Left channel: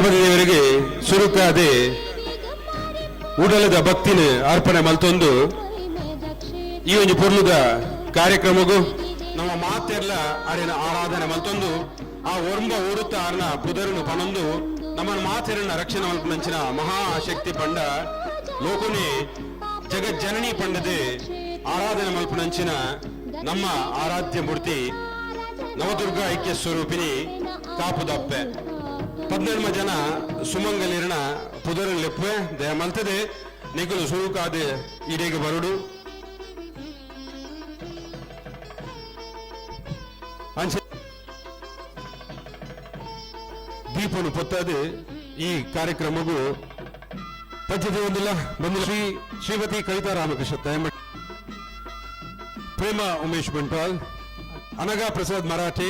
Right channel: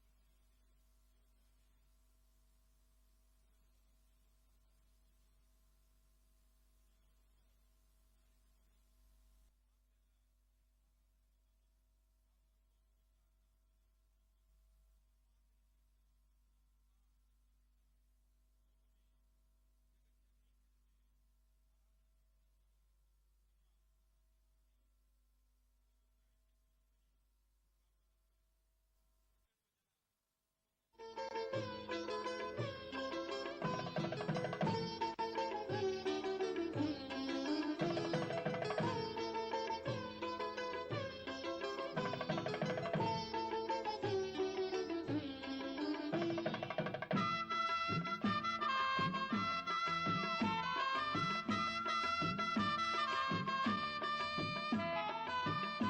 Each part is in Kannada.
ಗಣಪತಿ ದೇವರಿಗೆ ಸುರುಕಾದೆ ಉಡಲದ ಭಕ್ತಿನ ಅರ್ಪಣೆ ಮಲ್ತೊಂದು ಈ ಒಂದು ಪೊರ್ಲುದ ಕಾರ್ಯಕ್ರಮಗೂ ನಮ್ಮ ಮಾತೆಲ್ಲ ಅರಿನ ಆರಾಧನೆ ಮಲ್ತೊಂದು. ಆ ಒರ್ಮ ಓಡುತ್ತ ಅರ್ನ ಪುದರನು ಪನೊಂದು ನಮ್ಮ ಮಾತೆರನ್ನ ರಕ್ಷಣೆ ಮಲ್ಪನಂಚಿನ ಮಹಾಶಕ್ತಿ ಪಂಡ ಲೋಕನಿ ಜಗಜ್ಜನನಿ ಪಂಡದೆ ಆರಾಧನೆ ಮಲ್ಪನಂಚಿನ ನಮ್ಮ ಆರಾಧ್ಯ ಮೂರ್ತಿ ನವದುರ್ಗ ಐಕ್ಯ ಸ್ವರೂಪಿನಿ ಕಾಪುದಪ್ಪೆ. ಪದ್ನೆಳ್ಮ ಜನ ಸುಮಂಗಲಿರಣ ಪುದರ ಲೆಪ್ಪೆ ದಯ ಮಲ್ತದೆ. ನಿಗುಲು ಸುರುಕಾದೆ ಇಡೆಗೆ ಬರುಡು. ದೀಪನು ಪೊತ್ತದೆ. ಈ ಕಾರ್ಯಕ್ರಮಗೂ ಪದ್ಯತೆ ಒಂದಿಲ್ಲ, ಬಂದಿಲ್ಲ. ಶ್ರೀ ಶ್ರೀಮತಿ ಕವಿತಾ ರಾಮಕೃಷ್ಣ ಪ್ರೇಮ ಉಮೇಶ್ ಬಂಟ್ವಾಲ್ ಅನಗಾ ಪ್ರಸಾದ್ ಮರಾಠೆ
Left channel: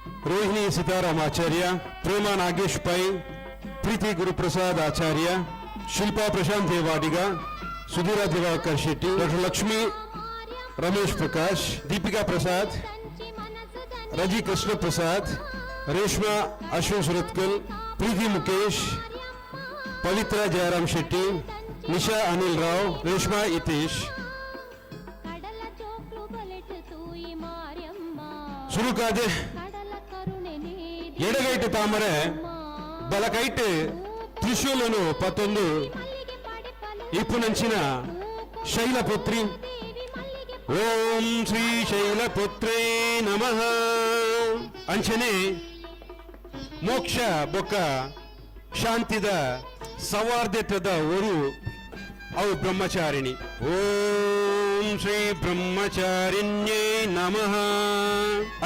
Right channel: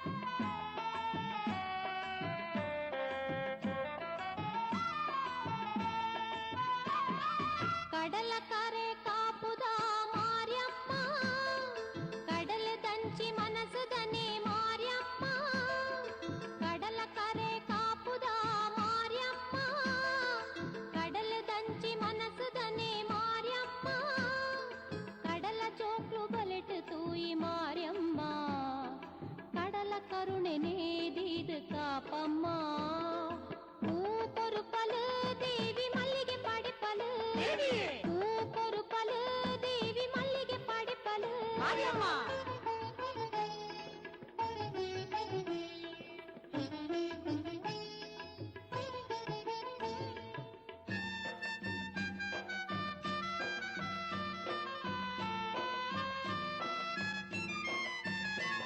रोहिणी सीताराम आचार्य प्रेमा नागेश पै प्रीति गुरुप्रसाद आचार्य शिल्पा प्रशांत देवाडिग सुधीरा दिवाकर शेट्टी डॉक्टर लक्ष्मी रमेश प्रकाश दीपिका प्रसाद रज़ी कृष्ण प्रसाद रेशमा अशोक सुरतकल प्रीति मुकेश पवित्रा जयराम शेट्टी निशा अनिल राव रेशमा इतेश शुरू का दे ಎಡಗೈಟು ತಾಮರೆ, ಬಲಕೈಟ್ ತ್ರಿಶೂಲನು ಇಪ್ಪುನಂಚಿನ ಶೈಲಪುತ್ರಿ. ದೇವಿ ಮಲ್ಲಿಗೆ ಓಂ ಶ್ರೀ ಶೈಲಪುತ್ರೇ ನಮಃ. ಅಂಚನೆ ಮೋಕ್ಷ ಬೊಕ್ಕ ಶಾಂತಿದ ಸೌಹಾರ್ದತ್ವದ ಊರು ಅವು ಬ್ರಹ್ಮಚಾರಿಣಿ ಓಂ ಶ್ರೀ ಬ್ರಹ್ಮಚಾರಿಣ್ಯೇ ನಮಃ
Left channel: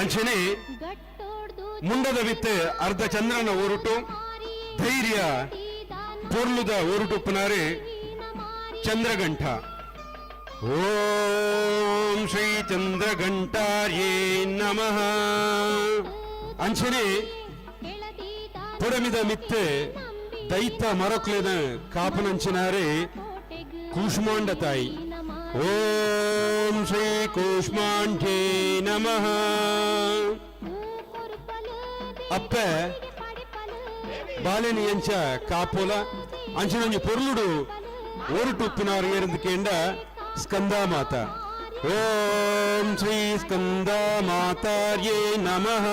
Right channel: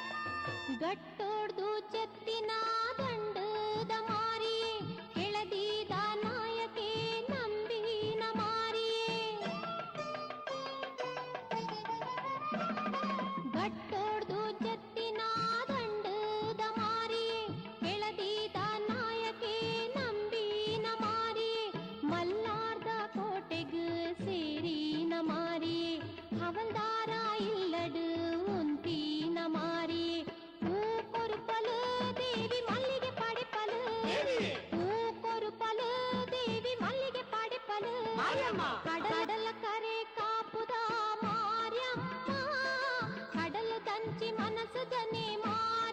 ಅಂಚನೆ ಗಟ್ಟೋಡ್ದು ಮುಂಡದ ವಿತ್ತೆ ಅರ್ಧ ಚಂದ್ರನ ಊರುಟು ಧೈರ್ಯ ಪೊರ್ಲುದ ಊರುಟು ಪುನಾರೆ ಚಂದ್ರಗಂಠ ಓಂ ಶ್ರೀ ಚಂದ್ರಘಂಟಾರ್ಯೇ ನಮಃ ಅಂಚನೆ ಕೆಳದೀದ ಪುಡಮಿದ ಮಿತ್ತೆ ದೈತ ಮರಕ್ಲೆನ ಕಾಪನಂಚಿನಾರೆ ಕೋಟೆಗು ಕೂಷ್ಮಾಂಡ ತಾಯಿ ಓಂ ಶ್ರೀ ಕೂಷ್ಮಾಂಢೇ ನಮಃ ಊಪುರುಪಲು ಅಪ್ಪೆ ಪಡಿಪಲು ಬಾಲೆನಿ ಎಂಚ ಕಾಪೋಲ ಅಂಚನೊಂಜಿ ಪೊರ್ಲುಡು ಓರುಟು ಉಪ್ಪಿನವರು ಏರಂದುಕೇಂಡ ಸ್ಕಂದ ಮಾತ ಓಂ ಶ್ರೀ ಸ್ಕಂದ ಮಾತಾರ್ಯೇ ನಮಃ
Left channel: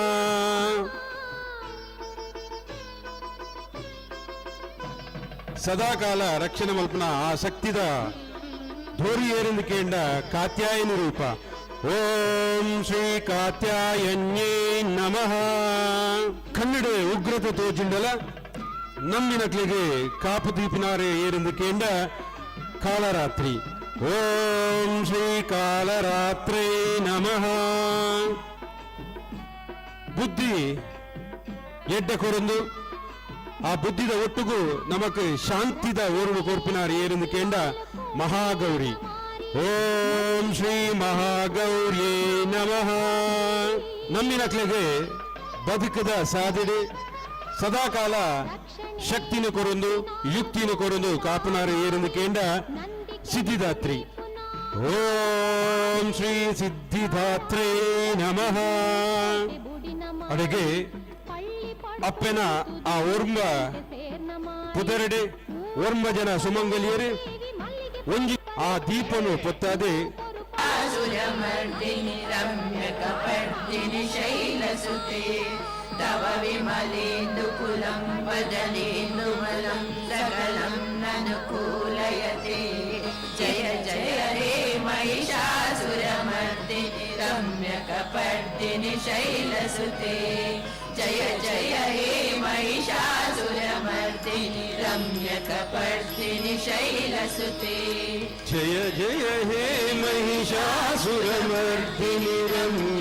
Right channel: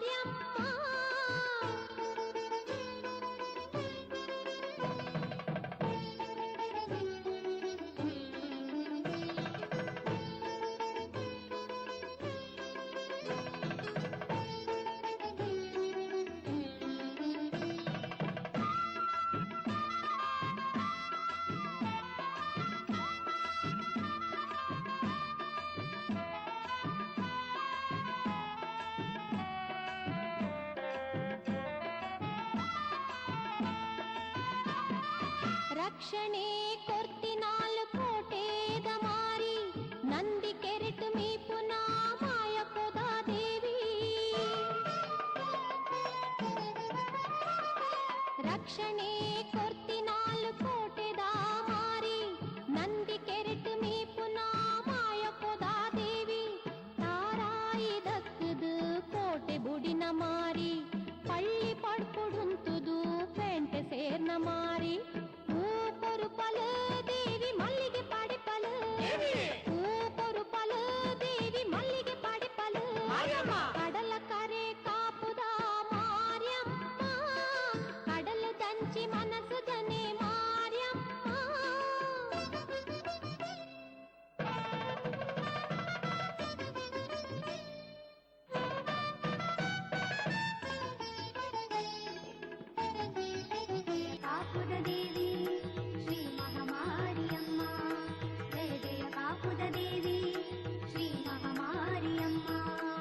ಸದಾಕಾಲ ರಕ್ಷಣೆ ಮಲ್ಪನ ಆ ಶಕ್ತಿದ ಧೋರಿ ಏರಿಂದುಕೇಂಡ ಕಾತ್ಯಾಯನ ರೂಪ. ಓಂ ಶ್ರೀ ಕಾತ್ಯಾಯನ್ಯೇ ನಮಃ. ಕನ್ನಡ ಉಗ್ರತೆ ತೋಜಿಂಡಲ ನಮ್ಮಿನಕ್ಲಿಗೆ ಕಾಪು ದೀಪಿನಾರೆ ಏರಿಂದುಕೇಂಡ ಕಾಲರಾತ್ರಿ. ಓಂ ಶ್ರೀ ಕಾಲರಾತ್ರಿ ನಮಃ. ಬುದ್ಧಿ ಎಡ್ಡ ಆ ಬುದ್ಧಿದ ഒട്ടുകു ನಮಕ್ ಶಾಂತಿದ ಓರ್ವ ಕೊರ್ಪಿನಾರ್ ಏರೆಂದು മഹാഗൗരി ಮಹಾಗೌರಿ. ಓಂ ಶ್ರೀ ಮಹಾಗೌರಿಯೇ ನಮಃ. ನಮ್ಮಿನಕ್ಲೆಗೆ ಬದುಕದ ಸಾಧಿಡೆ ಸದಾಕಾಲ ಶಕ್ತಿನ ಕೊರೊಂದು, ಯುಕ್ತಿನ ಕೊರೊಂದು ಕಾಪನಾರ ಏರೆಂದು ಕೇಂದ್ರ ಸಿದ್ಧಿದಾತ್ರಿ. ಓಂ ಶ್ರೀ ಸಿದ್ಧಿದಾತ್ರೇ ನಮಃ. ಪಳ್ಳಿ ಅಪ್ಪೆನ ಆ ಓರ್ಮ ಪುದರಡೆ ಓರ್ಮ ಜನ ಸುಮಂಗಲಿಯರು ಒಂಜಿ ಆ ದೀಪನು ಪೊತ್ತಾದೆ ತವ ವಿಮಲೇಂದು ಕುಲಂ ಬದಲೇ जय जय हे महिषासुरमर्दिनिरम्